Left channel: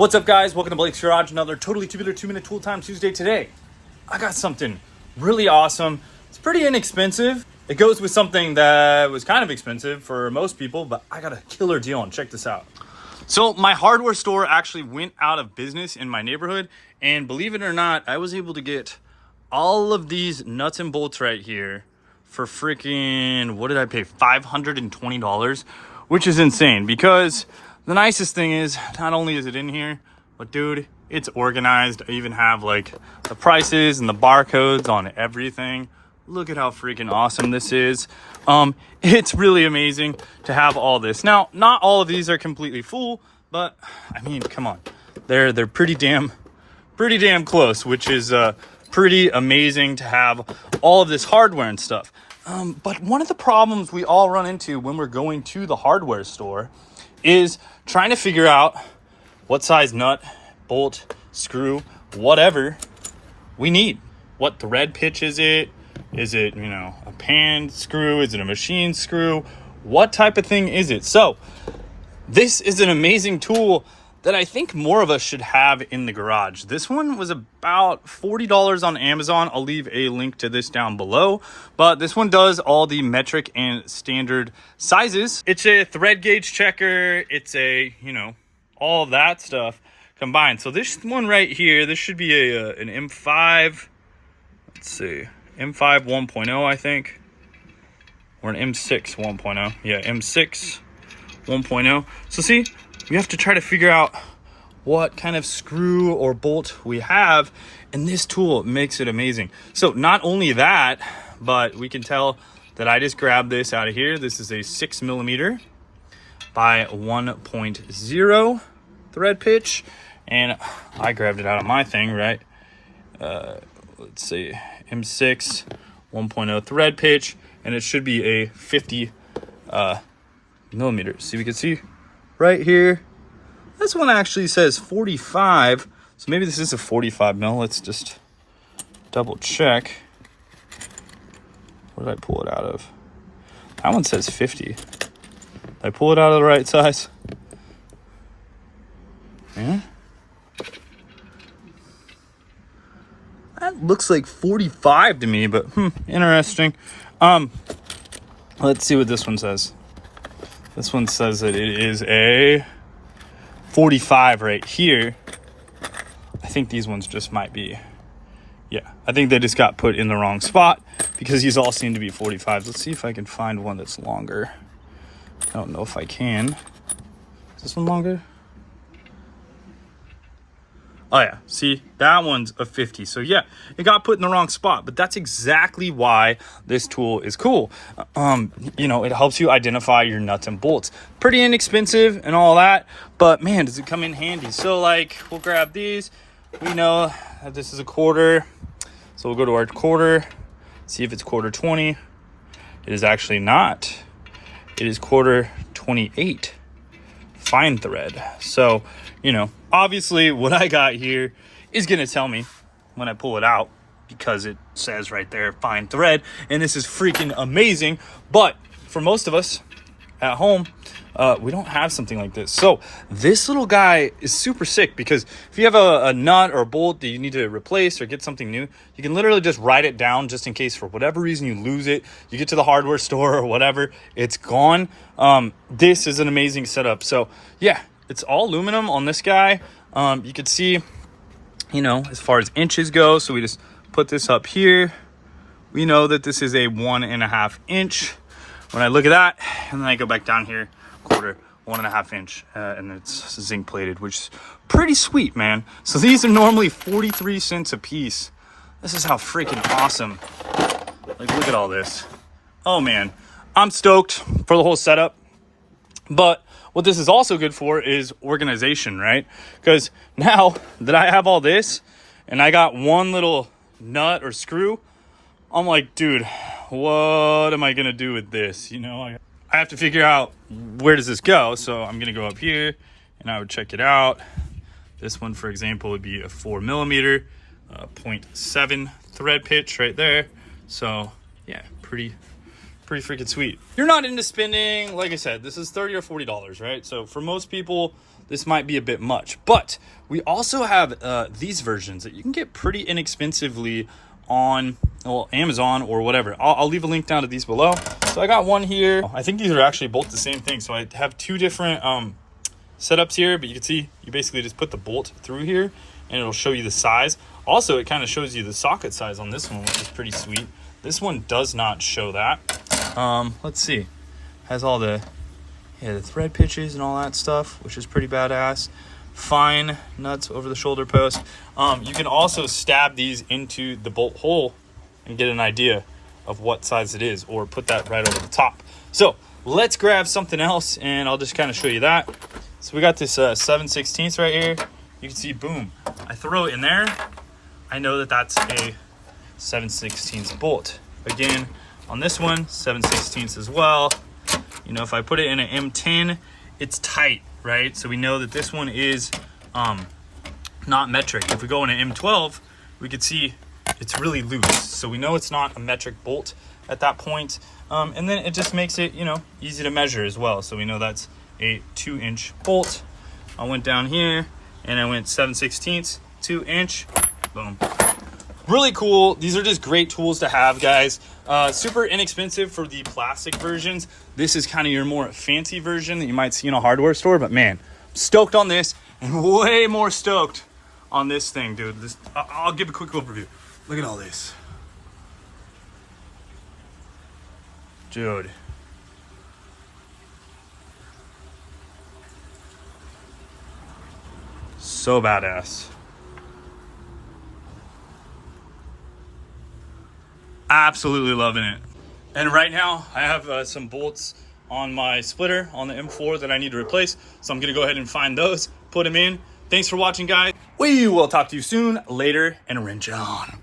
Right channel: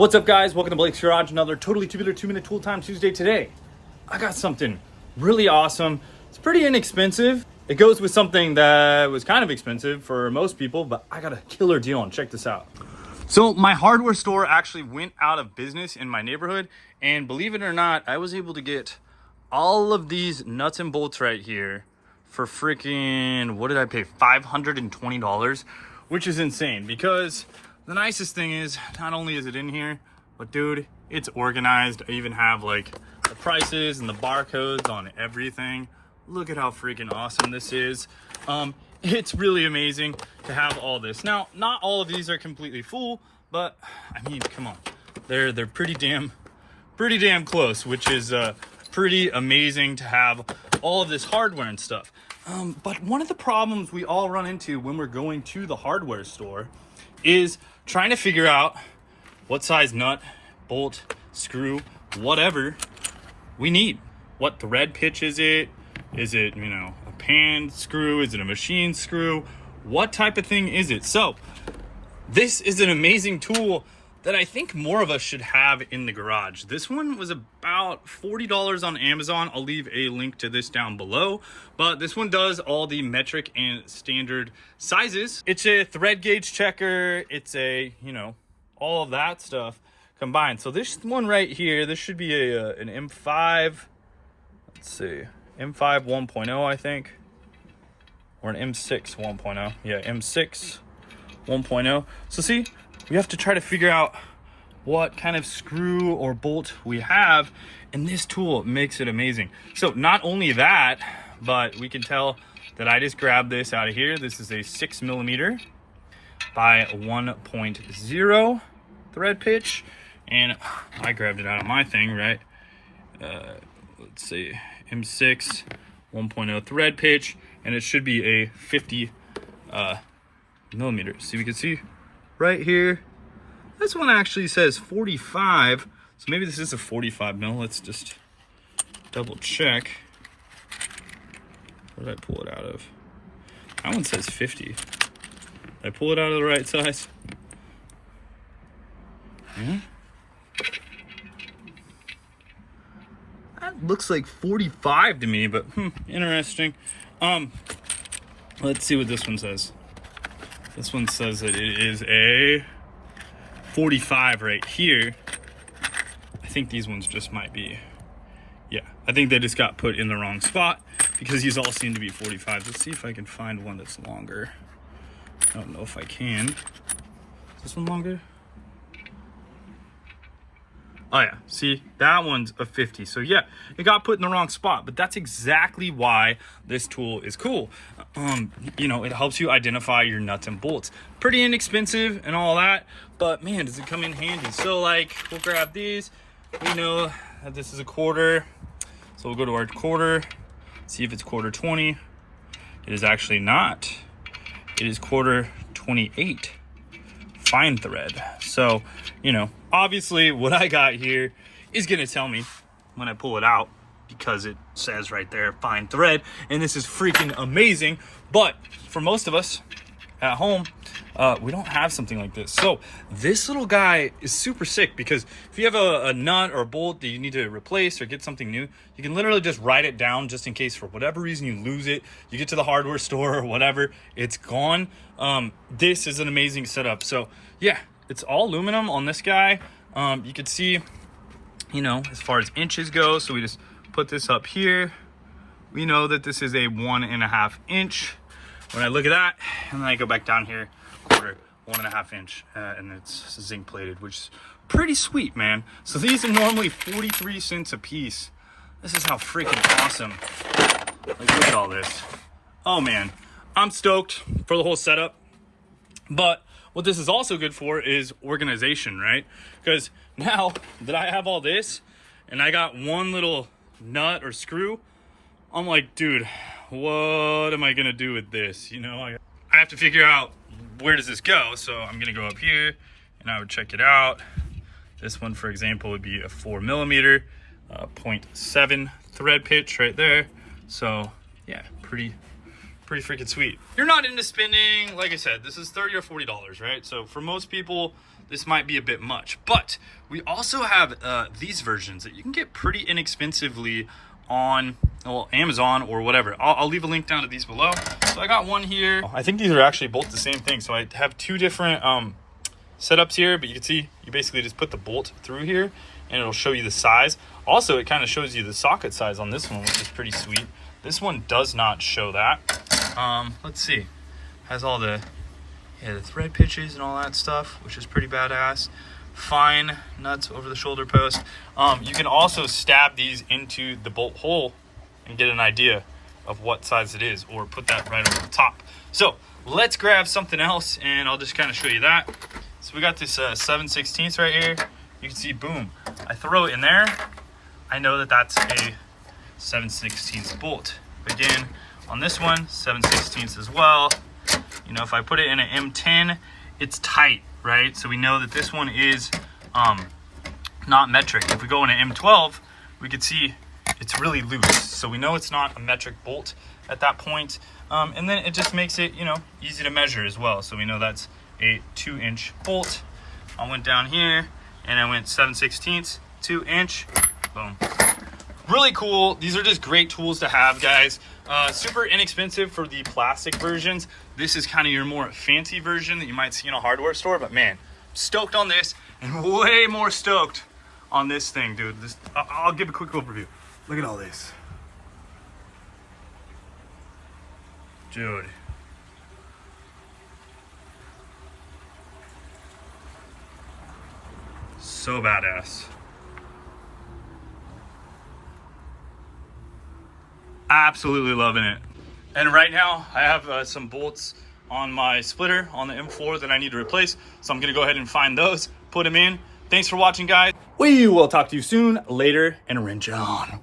What's up, guys? Welcome to Blake's Garage, another totally tubular 2-minute tool time Tuesday. Today I got something really awesome. It's pretty inexpensive. It goes with something that was kind of expensive for most people, but I got a killer deal on. Check this out. So my hardware store actually went out of business in my neighborhood, and believe it or not, I was able to get all of these nuts and bolts right here for freaking, what did I pay? $520, which is insane. Because the nicest thing is, not only is it in here, but dude, it's organized. I even have like the prices and the barcodes on everything. Look at how freaking awesome this is. It's really amazing to have all this. Now, not all of these are completely full, but I mean, come on. They're pretty damn close, which is pretty amazing to have all of this hardware and stuff. But one of the problems we all run into when we're going to the hardware store is trying to figure out what size nut, bolt, screw, whatever we need. What thread pitch is it? Is it, a pan screw? Is it a machine screw? What type of thing is it? So this is an amazing tool that I think more of us should have in the garage. This one was about $40 on Amazon. I'll leave a link to this down below. But this one does all the metric and standard sizes. It's a thread gauge checker. It's a, all of that stuff combined. So this one right here, this should be an M5. Let's see. M5 1.0, I think. Or an M6 1.0. Yeah, M6 1.0. So see, we have to try to figure out what kind of screw or bolt we have, and this tool makes it amazing. So not only that, but we can tell that I just grabbed this out of here. This is a 6mm by 1.0 thread pitch, and I grabbed it out of my thing, right? Let's see, M6 1.0 thread pitch, and it should be a 50 millimeters. See, we can see right here, this one actually says 45, so maybe this is a 45 mil. Let's just double check. What did I pull it out of? That one says 50. Did I pull it out of the right size? Yeah. That looks like 45 to me, but interesting. Let's see what this one says. This one says that it is a 45 right here. I think these ones just might be, I think they just got put in the wrong spot because these all seem to be 45. Let's see if I can find one that's longer. I don't know if I can. Is this one longer? Oh yeah, see, that one's a 50. So yeah, it got put in the wrong spot, but that's exactly why this tool is cool. It helps you identify your nuts and bolts. Pretty inexpensive and all that, but man, does it come in handy. So like, we'll grab these. We know that this is a quarter. So we'll go to our quarter, see if it's quarter 20. It is actually not. It is quarter 28. Fine thread. So, obviously what I got here is going to tell me when I pull it out, because it says right there, fine thread, and this is freaking amazing. But for most of us at home, we don't have something like this. So this little guy is super sick, because if you have a nut or a bolt that you need to replace or get something new, you can literally just write it down just in case for whatever reason you lose it. You get to the hardware store or whatever, it's gone. This is an amazing setup. So yeah, it's all aluminum on this guy. You can see, as far as inches go, so we just put this up here. We know that this is a 1.5 inch. When I look at that, and then I go back down here, quarter, 1.5 inch, and it's zinc plated, which is pretty sweet, man. So these are normally 43 cents a piece. This is how freaking awesome. Like, look at all this. Oh man, I'm stoked for the whole setup. But what this is also good for is organization, right? Because now that I have all this and I got one little nut or screw, I'm like, dude, what am I gonna do with this? I have to figure out where does this go. So I'm gonna go up here and I would check it out. This one, for example, would be a 4mm 0.7 thread pitch right there. So yeah, pretty freaking sweet. You're not into spending, like I said, this is $30 or $40, right? So for most people, this might be a bit much. But we also have these versions that you can get pretty inexpensively on, well, Amazon or whatever. I'll leave a link down to these below. So I got one here. I think these are actually both the same thing. So I have two different setups here, but you can see you basically just put the bolt through here and it'll show you the size. Also, it kind of shows you the socket size on this one, which is pretty sweet. This one does not show that. Let's see. Has all the thread pitches and all that stuff, which is pretty badass. Fine nuts over the shoulder post. You can also stab these into the bolt hole and get an idea of what size it is, or put that right over the top. So let's grab something else and I'll just kind of show you that. So we got this 7/16 right here. You can see, boom, I throw it in there. I know that that's a 7/16 bolt. Again, on this one, 7/16 as well. You know, if I put it in an M10, it's tight, right? So we know that this one is not metric. If we go in an M12, we could see it's really loose. So we know it's not a metric bolt at that point. And then it just makes it, you know, easy to measure as well. So we know that's a 2-inch bolt. I went down here and I went 7/16, 2-inch, boom. Really cool. These are just great tools to have, guys. Super inexpensive for the plastic versions. This is kind of your more fancy version that you might see in a hardware store, but man, stoked on this and way more stoked on this thing, dude. I'll give a quick overview. Look at all this. Dude. So badass. Absolutely loving it. And right now I have some bolts on my splitter on the M4 that I need to replace. So I'm gonna go ahead and find those, put them in. Thanks for watching, guys. We will talk to you soon, later, and wrench on.